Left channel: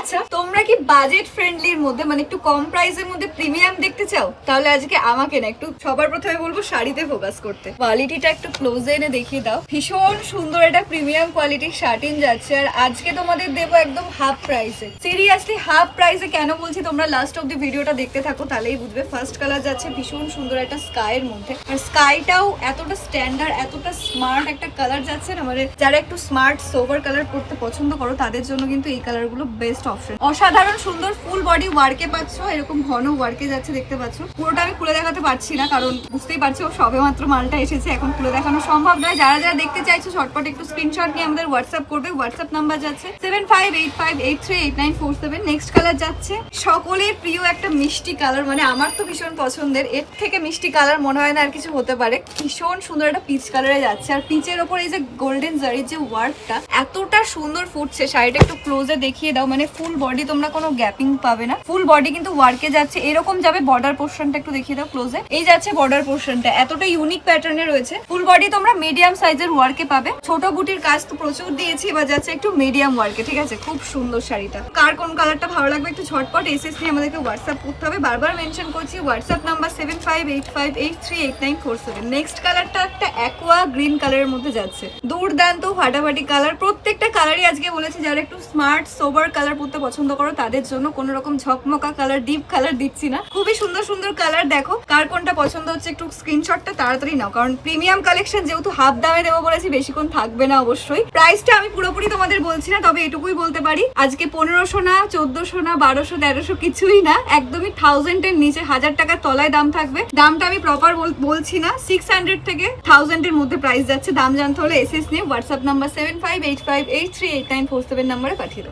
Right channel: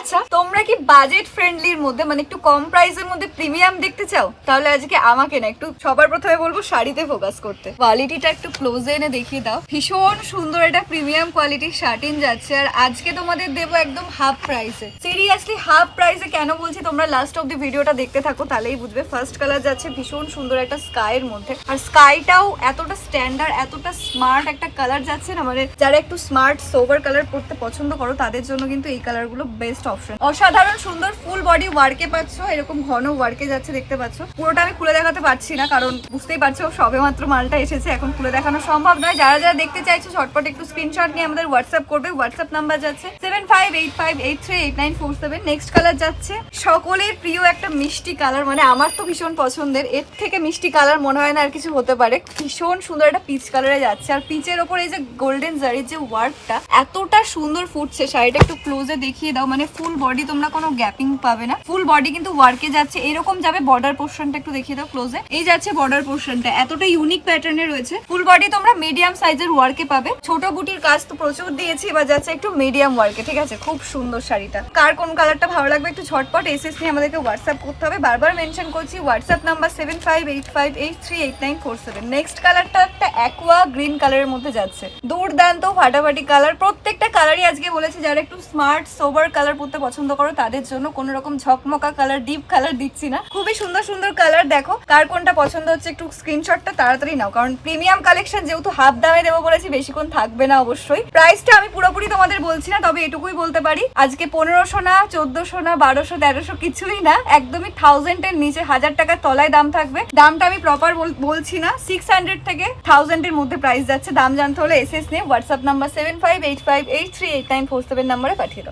আচ্ছা, তোমরা কি বাজেট ফ্রেন্ডলির মধ্যে মানে একটু কম প্রাইসের মধ্যে প্রিমিয়াম দেখতে চাও? তাহলে আজকে আমাকে না একটু সবার প্রথমে বলবো শাড়িতে ফোকাস করতে। কোয়ালিটিটা একটু ক্লোজে এনে দেখিয়ে দাও। ভীষণ সুন্দর একটা প্রিমিয়াম কোয়ালিটির শার্টিন যাচ্ছে, আর আজকে তোমাদের দেবো একদম হাফ প্রাইসে। সিরিয়াসলি হাফ প্রাইসে কেন বলছি, তোমরা লাস্ট অব দি ভিডিওটা দেখতে থাকো তাহলেই বুঝবে। ফার্স্ট কালার যাচ্ছে ভীষণ সুন্দর একটা স্কাইয়ের মধ্যে, আর স্কাইটাও এতটা স্ট্যান্ডার্ড, এতটা স্মার্ট একটা কালার যাচ্ছে না, মানে যারা একটু স্মার্ট সোবার কালার পরতে পছন্দ করো তাদের জন্য কিন্তু এই কালারগুলো বেস্ট অপশন। অসাধারণ সুন্দর ফুল বডি ওয়ার্কে পাচ্ছ, এরকম ঘন ওয়ার্কে যাচ্ছে দেখতে পাচ্ছ। পুরোটা আমি খুলে দেখাতে পারছি না কারণ বুঝতেই পারছো সবে মাত্র মালটা এসেছে, এখন খুলে দেখানো সম্ভব নয়। যারা যারা দেখতে চাইছো ঝটপট একটু স্ক্রিনশট নিয়ে আমাদের হোয়াটসঅ্যাপ করবে। হোয়াটসঅ্যাপ নাম্বার যাচ্ছে 7585838947। নেক্সট কালার যাচ্ছে সকলের প্রিয় একটা মিষ্টি কালার, মানে আমার তো ভীষণ পছন্দের, এর থেকে মিষ্টি কালার মনে হয় না আর কিছু হতে পারে। ভীষণ সুন্দর একটা পিচ কালারে যাচ্ছে, আর পিচের ওপর এই যে গোল্ডেন জারির যে ওয়ার্কটা এতটা সুন্দর ফুটছে। শাড়িটা একটু ক্লোজে দেখিয়ে দাও, মানে ফুল বডি তোমরা কোনো গ্যাপিং পাবে না, ফুল বডি কিন্তু ওয়ার্কে যাচ্ছে। এরকম যাবে বর্ডার পোর্শনটা একটু দেখিয়ে দাও ক্লোজে, এই যাচ্ছে বর্ডার পোর্শনটা এতটা ইউনিক প্যাটার্নে রয়েছে। ফুল বডি তোমরা মিডিয়াম সাইজের ওয়ার্কে পাবে, ছোট বুটির কাজ তো প্রচুর দিয়েছি, এবার যাচ্ছে একটু মিডিয়াম ওয়ার্কে। ঠিক আছে, খুব সুন্দর শাড়িটা। কার কোন কালারটা ভালো লাগবে একটু ঝটপট এসএস নিয়ে আমাদেরকে হোয়াটসঅ্যাপ করতে হবে। বারবার মেনশন করছি হোয়াটসঅ্যাপ নাম্বার 7585838947। নেক্সট কালারটা একটা অ্যাকোয়া গ্রিন কালারের মধ্যে যাচ্ছে, দুর্দান্ত ফাটাফাটি কালার। প্রত্যেকটা কালারই আজকে বলেছি যারা একটু স্মার্ট সোবার কালার পরতে পছন্দ করো তাদের জন্য, কোনো রকম ঝকমকা কালার ডিপ কালার দিচ্ছি না। খুবই সুন্দর সুন্দর কালার, দেখো কার কোনটা পছন্দ হচ্ছে একটু স্ক্রিনশটটা তাড়াতাড়ি নাও, কারণ প্রিমিয়াম কালেকশন যেহেতু হাফ দামে দেবো বলেছি বেশিক্ষণ থাকবে না অবশ্যই। প্রাইসটা আমি পুরোপুরি তোমাদের বলছি না, তবে এটুকুই বলতে পারি আজকে 1500 না 1400 না 1200 1300 কিছুই না, একদমই 1000 এর নিচে, 1000 টাকার তলায় দাম থাকবে। দামটা আমি প্রপার বলছি না, 600 থেকে 1000 এর মধ্যে প্রাইস যাচ্ছে। দাম জানতে হলে এসএস নিয়ে হোয়াটসঅ্যাপ নাম্বার 7585838947 নাম্বারে পাঠিয়ে দাও।